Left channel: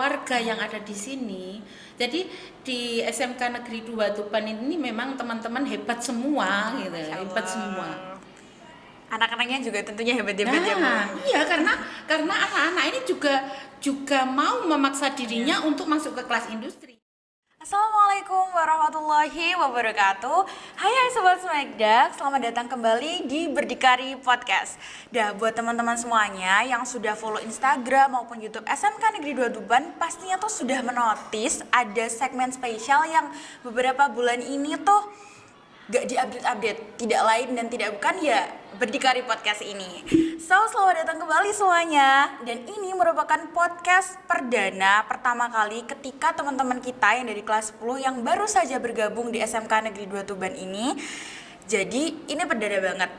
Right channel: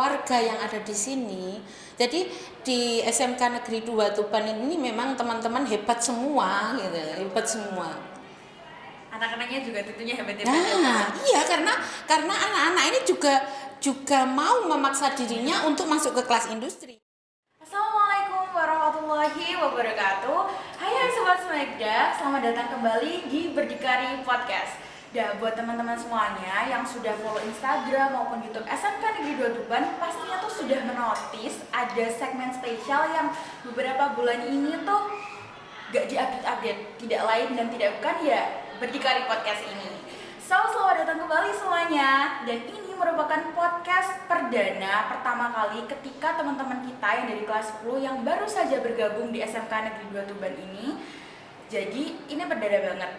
warga yang ada di sini. Jadi di SMK Negeri 2 Tuban ini memang teman-teman hebat semua gitu, hebat semua. Anak-anaknya juga tentunya hebat-hebat ya Bu. Iya, karena anak-anak ini juga mau memaksa dirinya untuk masuk ke kelas industri. Assalamualaikum warahmatullahi wabarakatuh. Hai Sobat Smegda, selamat datang kembali di Berdikari Podcast. Buat teman-teman semuanya yang sudah follow Instagram maupun YouTube SMK Negeri 2 Tuban, pastinya tuh sudah menotis ada segmen spesial yang beberapa bulan ini tuh gak diupdate-update. Tidak lain dan tidak bukan ya Berdikari Podcast ini. Selamat datang kembali semuanya. Dan ini merupakan podcast perdana pertama kali ketika teman-teman kita yang dari kelas 10 yang baru saja bergabung di SMK Negeri 2 Tuban ini. Jadi ini perdana banget.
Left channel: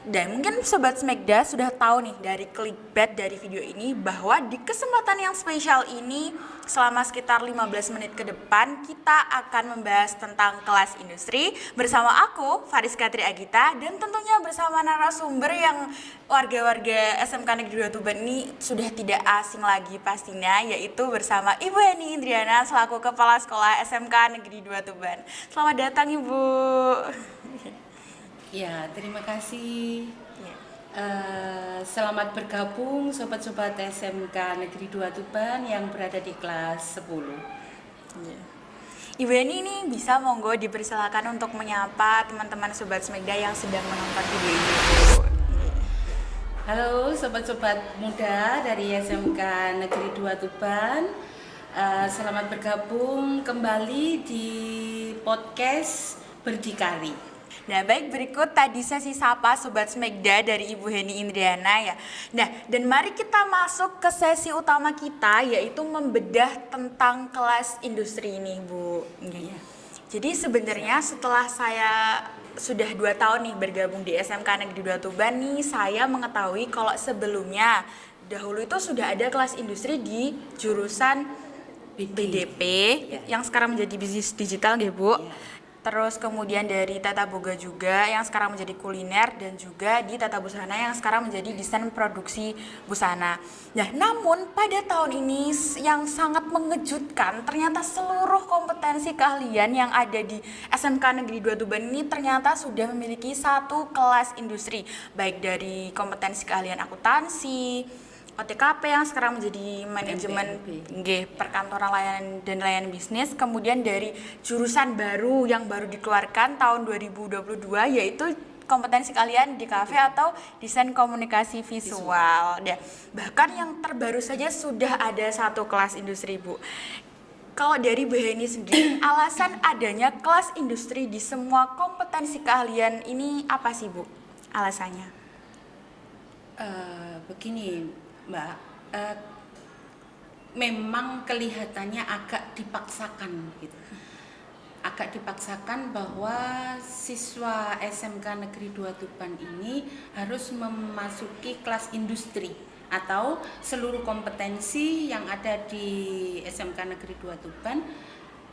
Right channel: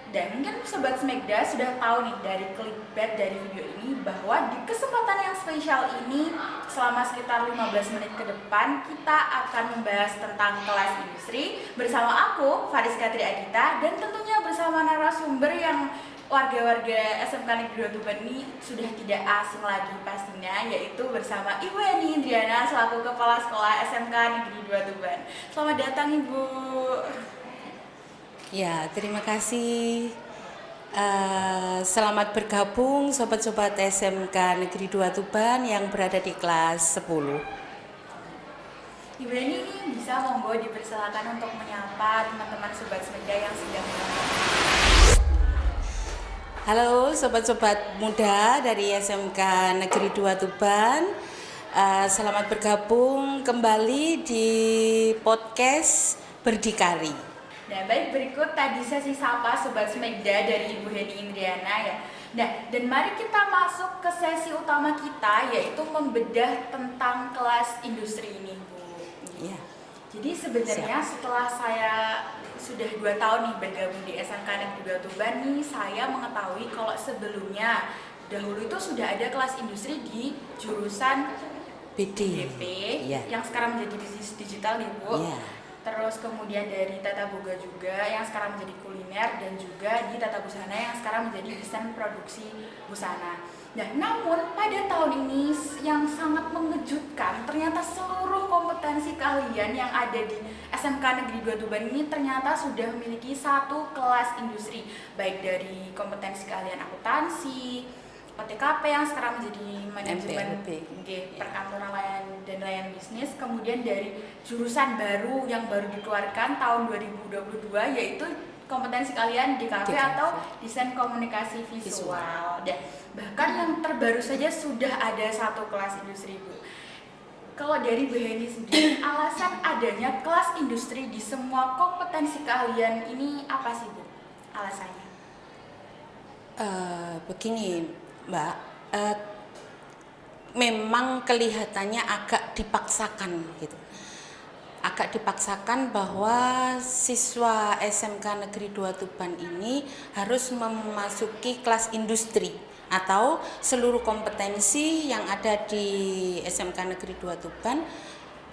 Dan mungkin Sobat Smegda sudah tahu nih dari clickbait dari video ini bahwa di kesempatan yang spesial ini selama sekitar 15 menit ke depan kita akan membahas tentang kelas industri bersama aku Fariska Tri Agita dan tentunya bersama narasumber yang warga-warga SMK Negeri 2 Tuban ini sudah tidak asing lagi pastinya, yaitu bersama Ibu Heni Indriana selaku Kepala Sekolah SMK Negeri 2 Tuban. Selamat datang Ibu. Ya, terima kasih. Selamat bergabung sobat-sobat SMK Negeri 2 Tuban yang berada di kelas 10. Ibu Eni ini bisa monggo dipersilakan untuk menyapa teman-teman Sobat Smegda yang sedang menonton video ini. Halo sobat-sobat muda dari SMK Negeri 2 Tuban. Selamat bergabung kembali di podcast Berdikari. Nah, baik, berikut tadi sesi sapa Sobat Smegda dari Ibu Heni Indriana ya. Nah, dan mari kita masuk ke sesi utama kita, yaitu membedah tentang kelas industri ini, Bu. Iya. Jadi sebenarnya setelah saya sudah 2 tahun nih bergabung di SMK Negeri 2 Tuban nih, saya mengetahui kalau sebelumnya dahulu itu sudah ada kelas industri di jurusan BDP, yang sekarang menjadi bisnis digital deh, Bu. Terus kemudian dari Tata Boga juga yang sekarang menjadi kuliner, dan juga di Tata Busana yang sekarang menjadi desain produksi busana. Nah, namun pada tahun ini yang sangat mengejutkan, ternyata seluruh kompetensi keahlian yang ada di SMK Negeri 2 Tuban ini ternyata sudah memiliki satu kelas industri, baik dari kompetensi keahlian akuntansi, OTKP yang sekarang menjadi manajemen perkantoran layanan dan layanan bisnis, kemudian dari jurusan baru yang baru dikeluarkan tahun 2022 yaitu kompetensi keahlian DKV atau desain komunikasi visual. Dan bahkan yang terbaru saja sudah ada satu kelas industri, Bu. Kalau dari Bu Heni sendiri, alasan adanya kelas industri di semua kompetensi keahlian ini apa sih, Bu? Alasannya? Begini Mbak, memang kelihatannya agak dipaksakan gitu. Agak dipaksakan bahwa siswa SMK Negeri 2 Tuban ini harus memasuki kelas industri atau seluruh kompetensi yang ada di SMK Negeri 2 Tuban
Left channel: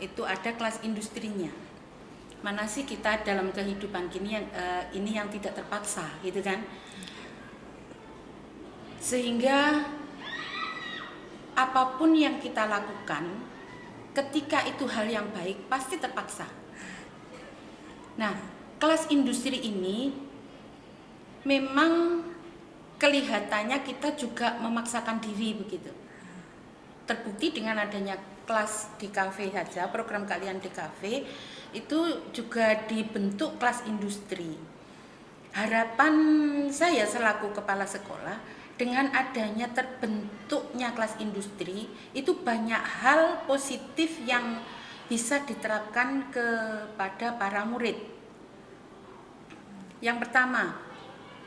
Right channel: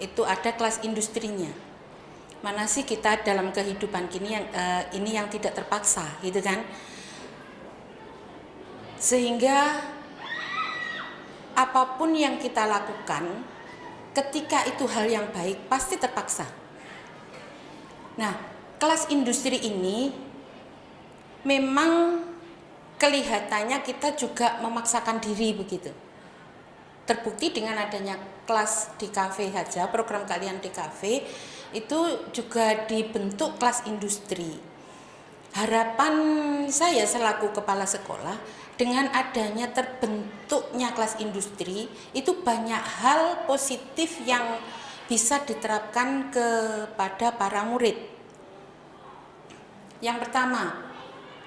itu ada kelas industrinya. Mana sih kita dalam kehidupan ini yang tidak terpaksa gitu kan? Sehingga apapun yang kita lakukan ketika itu hal yang baik pasti terpaksa. Nah, kelas industri ini memang kelihatannya kita juga memaksakan diri begitu. Terbukti dengan adanya kelas di kafe saja, program keahlian di kafe itu juga dibentuk kelas industri. Harapan saya selaku kepala sekolah, dengan adanya terbentuknya kelas industri, itu banyak hal positif yang bisa diterapkan kepada para murid. Yang pertama,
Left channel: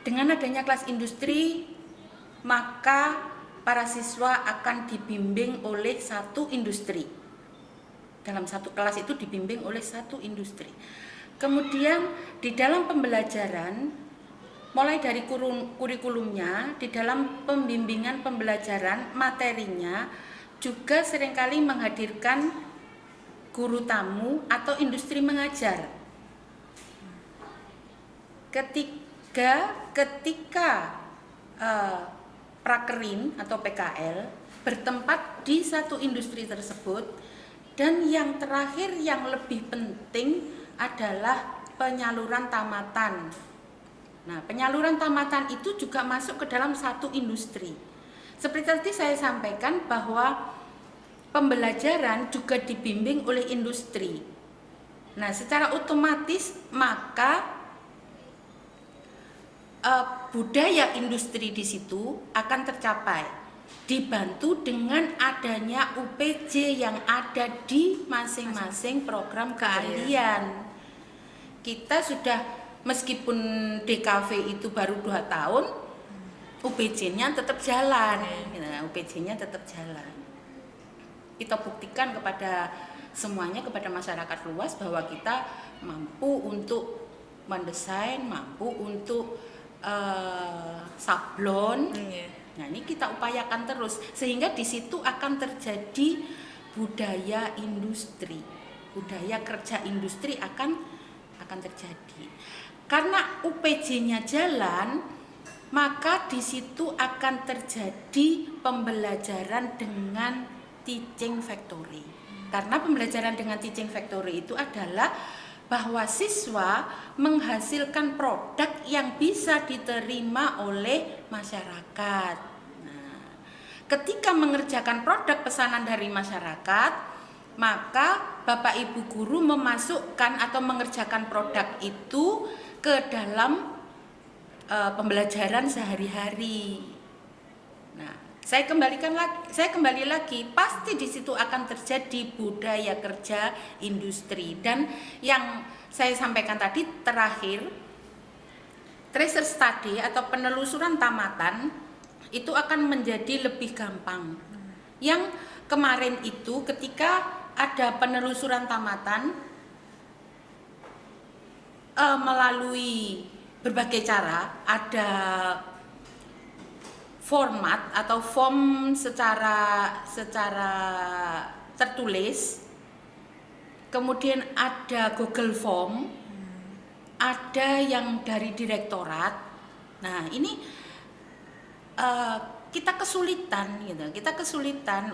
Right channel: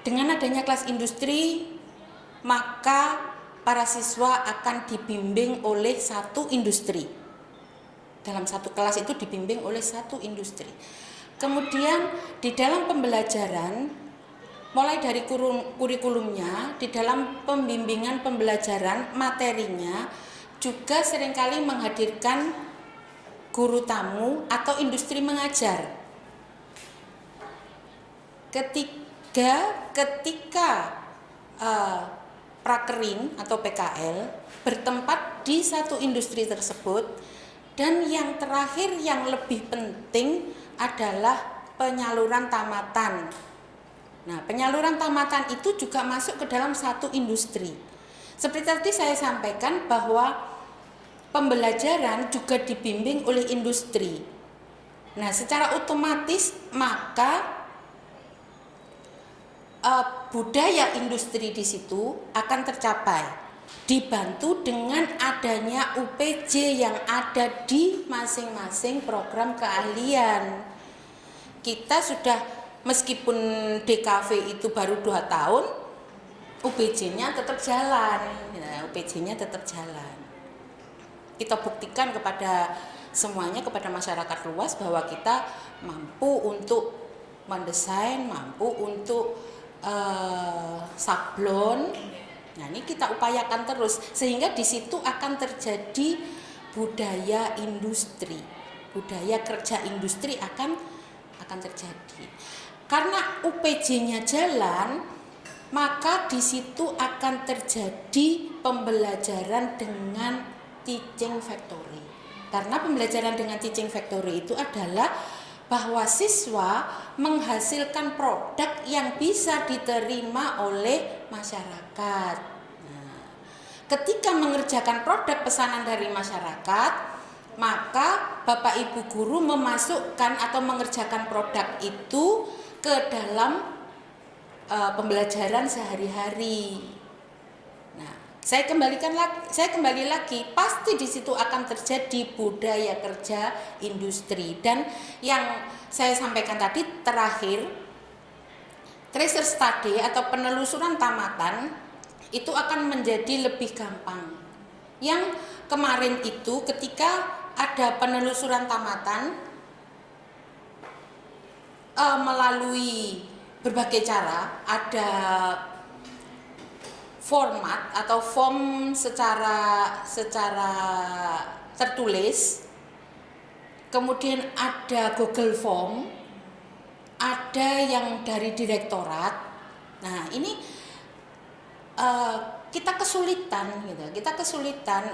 dengan adanya kelas industri, maka para siswa akan dibimbing oleh satu industri. Dalam satu kelas itu dibimbing oleh satu industri. Kemudian di dalam pembelajaran, mulai dari kurikulumnya, di dalam pembimbingan pembelajaran materinya juga seringkali menghadirkan guru tamu atau industri mengajar. Ketika prakerin atau PKL bertempat di satu industri tersebut. Dan yang terakhir yang lebih penting adalah penyaluran tamatan. Nah, penyaluran tamatan itu juga masuk ke dalam satu industri. Seperti tadi saya sampaikan bahwa pembelajaran juga dibimbing oleh industri. Nah, secara otomatis maka budaya industri di situ akan tercapai, dibantu dengan adanya UPJ yang ada di masing-masing program keahlian. Kita sudah, meskipun DKV itu baru 2 tahun, UPJ-nya tetap jalan. Nah, UPJ-nya tetap jalan. Kita buktikan kepada semuanya, kepada masyarakat luas bahwa kita mampu untuk mendesain, mampu untuk sablon. Nah, ini kita upayakan terus sehingga di situ akan terjadi budaya industri, budaya kerja industri akan terjadi. Karena UPJ-nya jalan, maka di situ akan terjadi pembelajaran dengan teaching factory. Karena pembelajaran dengan teaching factory itu adalah bahwa siswa menghasilkan produk yang bisa diterima oleh masyarakat. Nah, ketika mengerjakan produk pesanan dari masyarakat, maka Bapak Ibu guru memasukkan atau mengerjakan produk itu ke dalam pembelajaran sehari-hari. Nah, saya kembali lagi, pasti di situ akan terjadi budaya kerja industri. Dan yang saya sampaikan tadi terakhir, tracer study atau penelusuran tamatan itu akan menjadi lebih gampang. Yang kemarin itu ketika ada penelusuran tamatan melalui berbagai cara, ada format atau form secara tertulis, kemudian ada Google Form, ada yang dari direktorat. Nah, ini kita kesulitan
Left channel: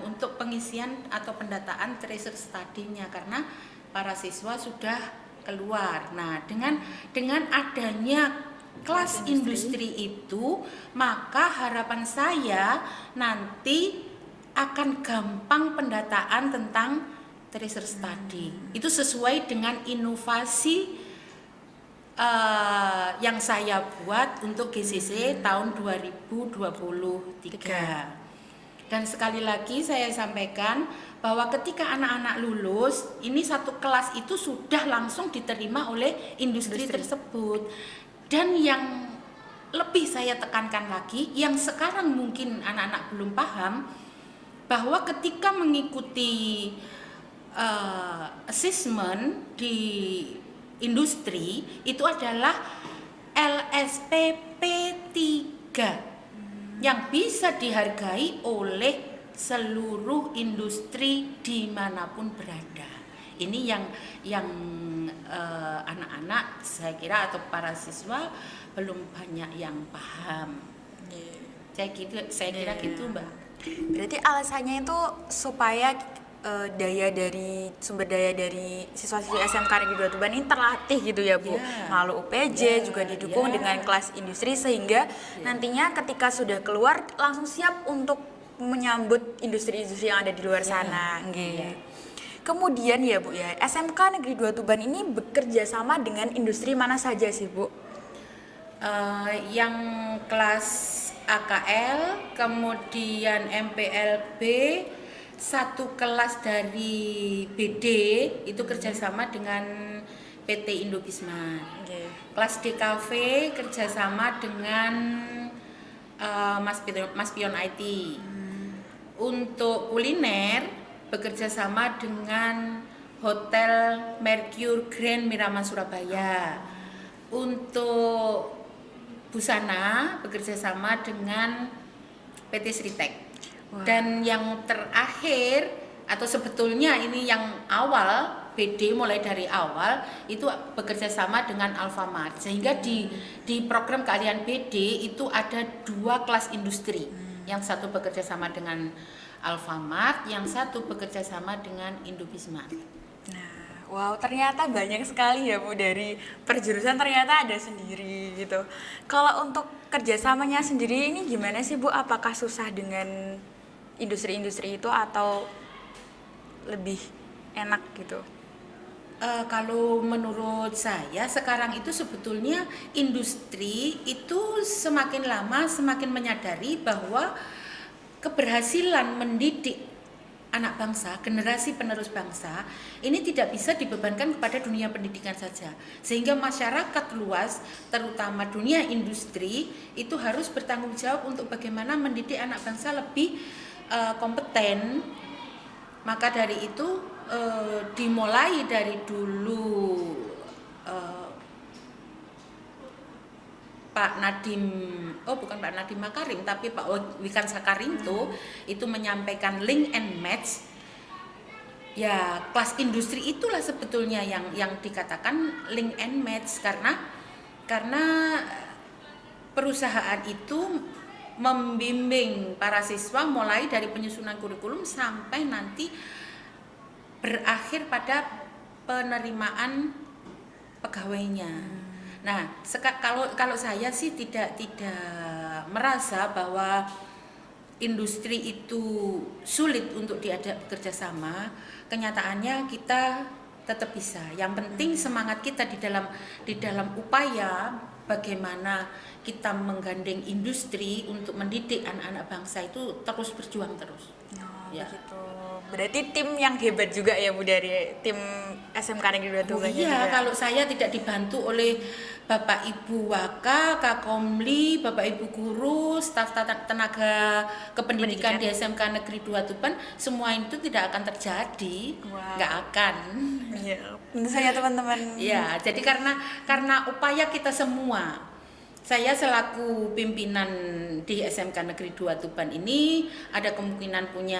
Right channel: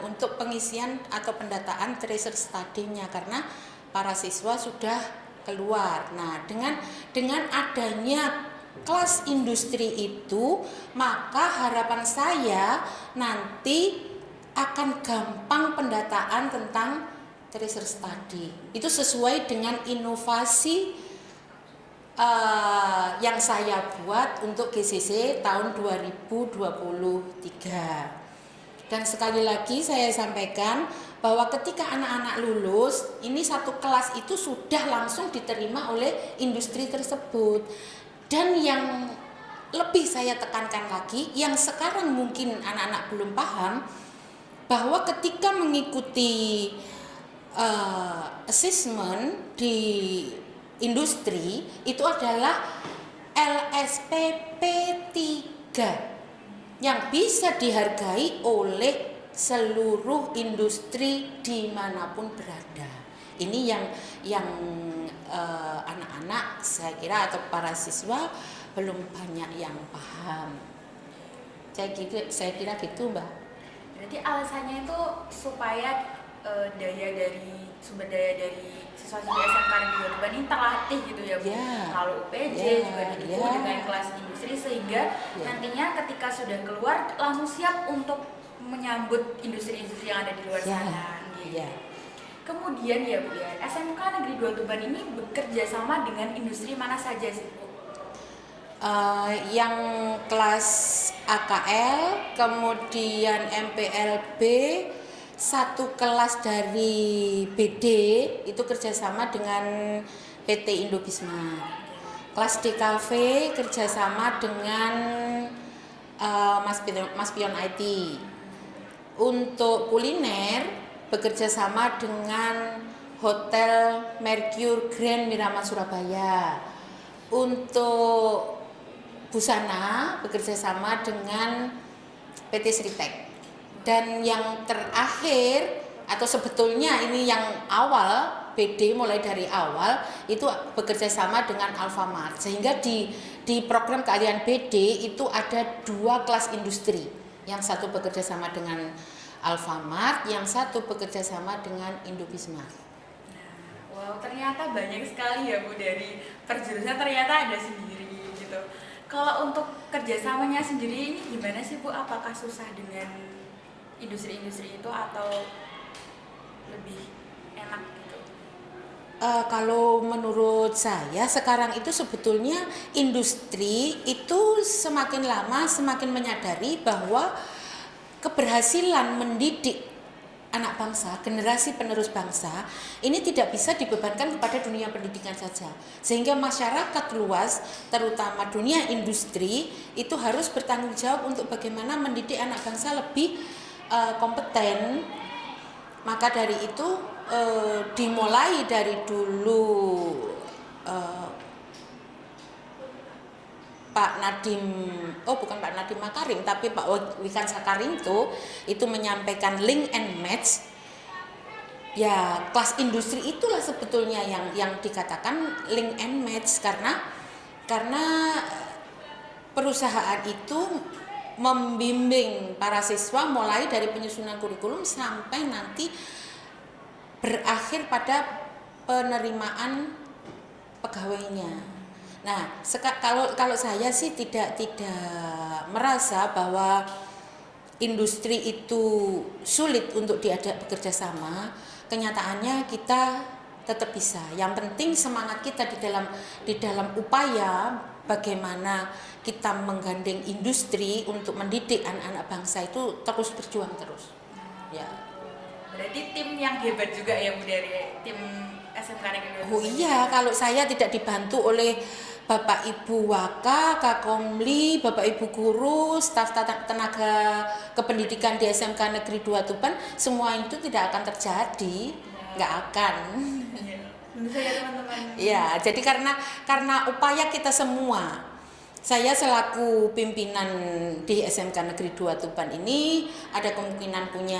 untuk pengisian atau pendataan tracer study-nya karena para siswa sudah keluar. Nah, dengan adanya kelas industri itu, maka harapan saya nanti akan gampang pendataan tentang tracer study. Itu sesuai dengan inovasi yang saya buat untuk GCC tahun 2023. Dan sekali lagi saya sampaikan bahwa ketika anak-anak lulus, ini satu kelas itu sudah langsung diterima oleh industri tersebut. Dan yang lebih saya tekankan lagi, yang sekarang mungkin anak-anak belum paham, bahwa ketika mengikuti assessment di industri itu adalah LSPP 3 yang bisa dihargai oleh seluruh industri dimanapun berada. Ini yang anak-anak saya kira atau para siswa belum banyak yang paham. Saya kira gitu, Mbak. Berarti alasannya itu supaya sumber daya dari siswa-siswi SMK Negeri 2 Tuban ini terlatih gitu ya, Bu. Lalu UPJ juga didukung dengan kelas industri sehingga nantinya ketika sudah keluar langsung siap untuk menyambut industri-industri yang ada di luar sana. Kemudian ya, Bu ya, SMK Negeri 2 Tuban ini bekerja sama dengan industri mana saja sih, Bu? Yang kelas AKL, kemudian MPLB, satu kelas dari BD itu kerjasama dengan PT Indobisma. Kelas DKV kerjasama dengan Mas Pion IT. Untuk kuliner bekerjasama dengan Hotel Mercure Grand Miramar Surabaya. Untuk busana bekerjasama dengan PT Sritek. Dan yang terakhir atau sebetulnya ini yang awal, BD mulai dari awal itu bekerja sama dengan Alfamart, sehingga di program keahlian BD itu ada 2 kelas industri, yang satu bekerja sama dengan Alfamart, yang satu bekerja sama dengan Indobismart. Wow, ternyata banyak sekali ya Bu, dari perjurusan ternyata ada sendiri gitu. Kalau untuk kerjasamanya sendiri ini gimana sih Bu? Apakah susah dengan industri-industri itu atau lebih enak gitu? Kalau menurut saya sekarang itu sebetulnya industri itu semakin lama semakin menyadari bahwa keberhasilan mendidik anak bangsa, generasi penerus bangsa ini tidak bisa dibebankan kepada dunia pendidikan saja, sehingga masyarakat luas terutama dunia industri itu harus bertanggung jawab untuk bagaimana mendidik anak bangsa lebih kompeten. Maka dari itu dimulai dari dulu Pak Nadiem, bukan Pak Nadiem Makarim, tapi Pak Wikan Sakaring itu menyampaikan link and match. Ya, kelas industri itulah sebetulnya yang dikatakan link and match, karena perusahaan itu membimbing para siswa mulai dari penyusunan kurikulum sampai nanti berakhir pada penerimaan pegawainya. Nah, kalau saya sih tidak merasa bahwa industri itu sulit untuk diajak bekerja sama. Kenyataannya kita tetap bisa. Yang penting semangat kita di dalam upaya bagaimana kita menggandeng industri untuk mendidik anak-anak bangsa itu terus berjuang terus. Ya. Gitu. Berarti tim yang hebat juga ya Bu, dari tim SMK Negeri 2 Tuban. Iya, kalau saya tidak dibantu oleh Bapak Ibu Waka, Kakomli, Bapak Ibu guru, staf tenaga kependidikan di SMK Negeri 2 Tuban, semua itu tidak akan terjadi. Nggak akan. Iya, tentu saja teman-teman. Ya, jadi karena upaya kita semua. Saya selaku pimpinan di SMK Negeri 2 Tuban ini ada kemungkinan punya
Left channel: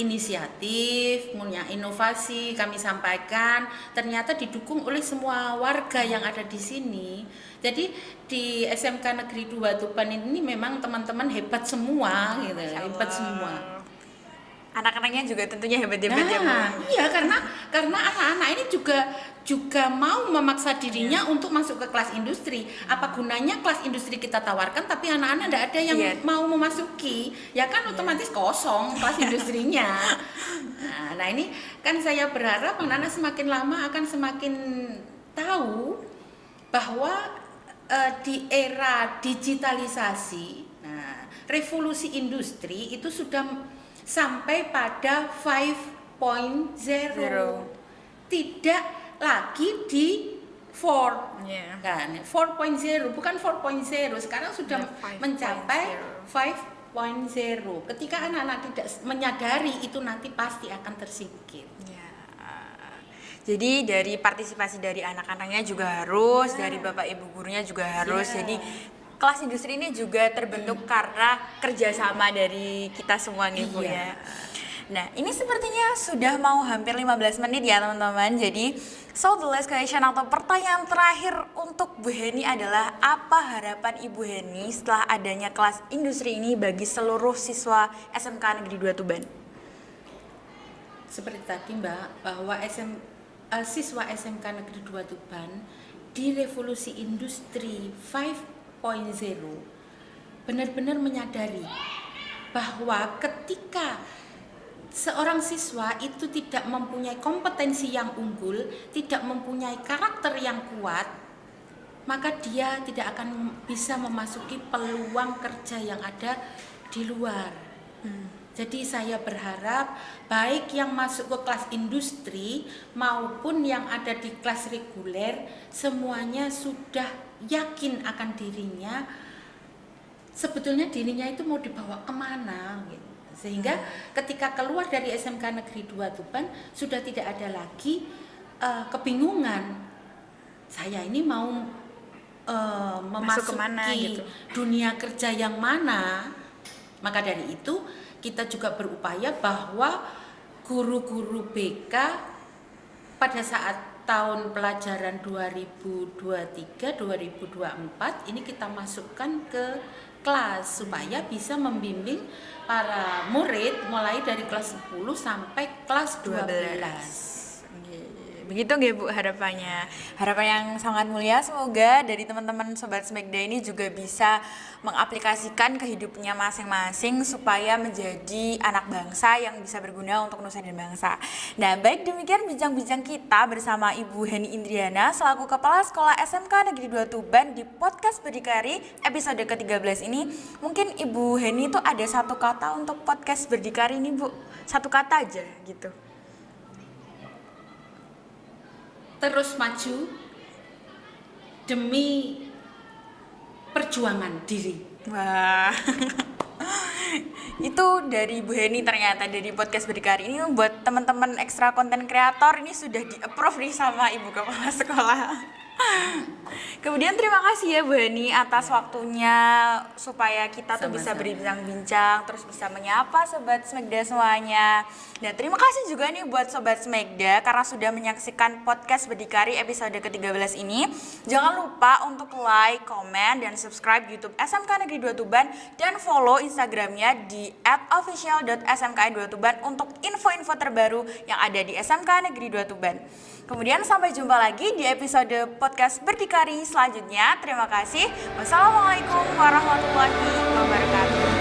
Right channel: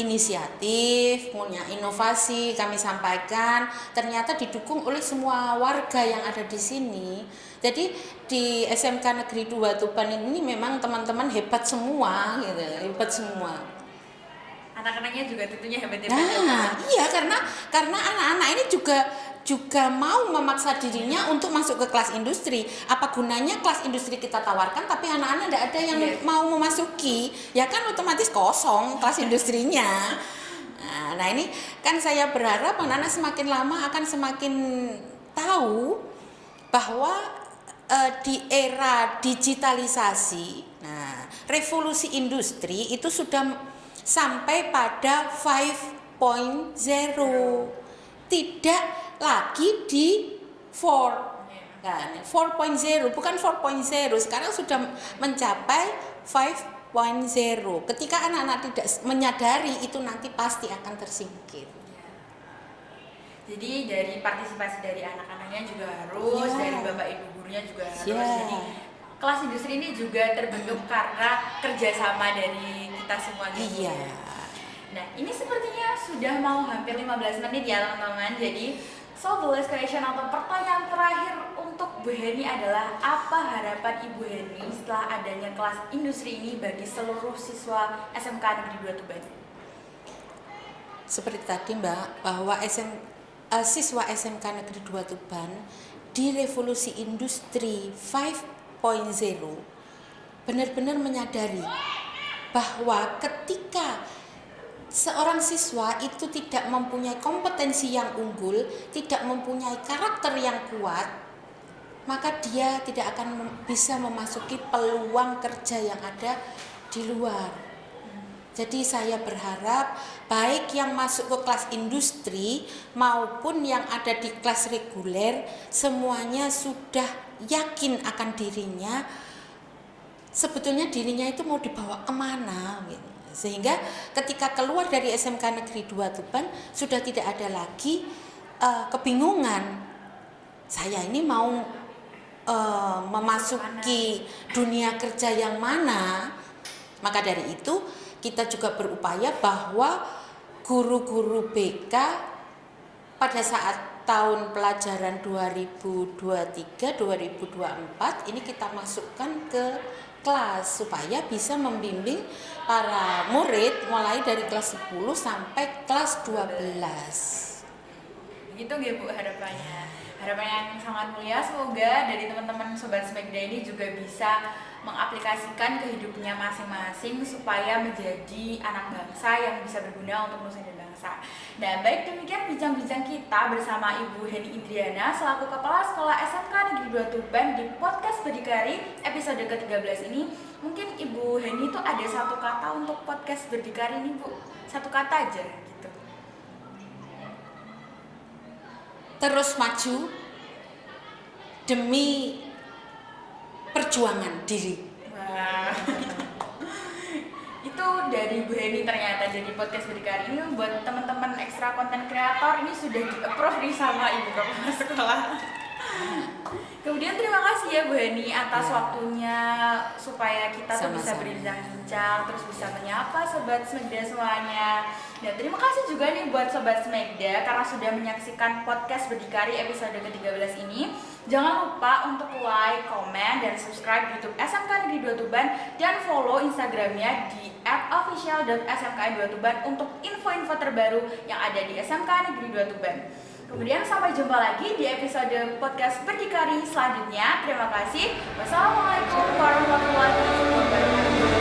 inisiatif, punya inovasi kami sampaikan, ternyata didukung oleh semua warga yang ada di sini. Jadi di SMK Negeri 2 Tuban ini memang teman-teman hebat semua gitu, hebat semua. Anak-anaknya juga tentunya hebat-hebat ya Bu. Iya, karena anak-anak ini juga mau memaksa dirinya untuk masuk ke kelas industri. Apa gunanya kelas industri kita tawarkan tapi anak-anak tidak ada yang mau memasuki, ya kan otomatis kosong kelas industrinya. Nah, ini kan saya berharap anak-anak semakin lama akan semakin tahu bahwa di era digitalisasi, nah, revolusi industri itu sudah sampai pada 5.0, tidak lagi di 4 kan, 4.0 bukan 4.0, sekarang sudah mencapai 5.0. Ketika anak-anak tidak menyadari itu nanti pasti akan tersingkir. Jadi dari partisipasi dari anak-anaknya juga harus, dari bapak ibu gurunya juga harus. Jadi kelas industri ini juga terbentuk karena kerjasama dari kita semua nih Bu ya. Nah, ini sepertinya sudah mau hampir 15 menit ya teman-teman. Jadi the last question atau pertanyaan terakhir untuk Bu Heni adalah, apa harapan Ibu Heni setelah adanya kelas industri ini bagi seluruh siswa SMK Negeri 2 Tuban? Seperti tadi Mbak, bahwa siswa SMK Negeri 2 Tuban di revolusi industri 5.0 benar-benar menyadari bahwa ketika seorang siswa itu tidak mempunyai kompetensi yang unggul, tidak mempunyai karakter yang kuat, maka dia tidak akan bisa memasuki peluang kerja yang ada di luar. Jadi saya berharap baik yang masuk ke kelas industri maupun yang ada di kelas reguler, semuanya sudah yakin akan dirinya, sebetulnya dirinya itu mau dibawa kemana gitu. Sehingga ketika keluar dari SMK Negeri 2 Tuban sudah tidak ada lagi kebingungan, saya ini mau memasuki dunia kerja yang mana. Maka dari itu kita juga berupaya bahwa guru-guru BK pada saat tahun pelajaran 2023-2024 ini kita masukkan ke kelas supaya bisa membimbing para murid mulai dari kelas 10 sampai kelas 12. Begitu nggih Bu harapannya. Harapan yang sangat mulia, semoga dari teman-teman Sobat Smegda ini juga bisa mengaplikasikan ke hidupnya masing-masing supaya menjadi anak bangsa yang bisa berguna untuk nusa dan bangsa. Nah, baik demikian bincang-bincang kita bersama Ibu Heni Indriana selaku Kepala Sekolah SMK Negeri 2 Tuban di podcast Berdikari episode ke-13 ini. Mungkin Ibu Heni itu ada satu kata untuk podcast Berdikari ini, Bu. Satu kata aja gitu. Terus maju demi perjuangan diri. Wah. Itu dari Bu Heni ternyata dari podcast Berdikari ini buat teman-teman ekstra konten kreator ini sudah di-approve nih sama Ibu Kepala Sekolah. Kemudian terima kasih ya Bu Heni atas waktunya supaya kita tuh bisa Sama-sama. berbincang-bincang terus bisa menyapa Sobat Smegda semuanya. Dan terima kasih juga nih buat Sobat Smegda karena sudah menyaksikan podcast Berdikari episode ke-13 ini. Jangan lupa untuk like, komen, dan subscribe YouTube SMK Negeri 2 Tuban dan follow Instagramnya di @official.smki2tuban untuk info-info terbaru yang ada di SMK Negeri 2 Tuban. Kemudian sampai jumpa lagi di episode podcast Berdikari selanjutnya. Terima kasih. Wassalamualaikum warahmatullahi wabarakatuh.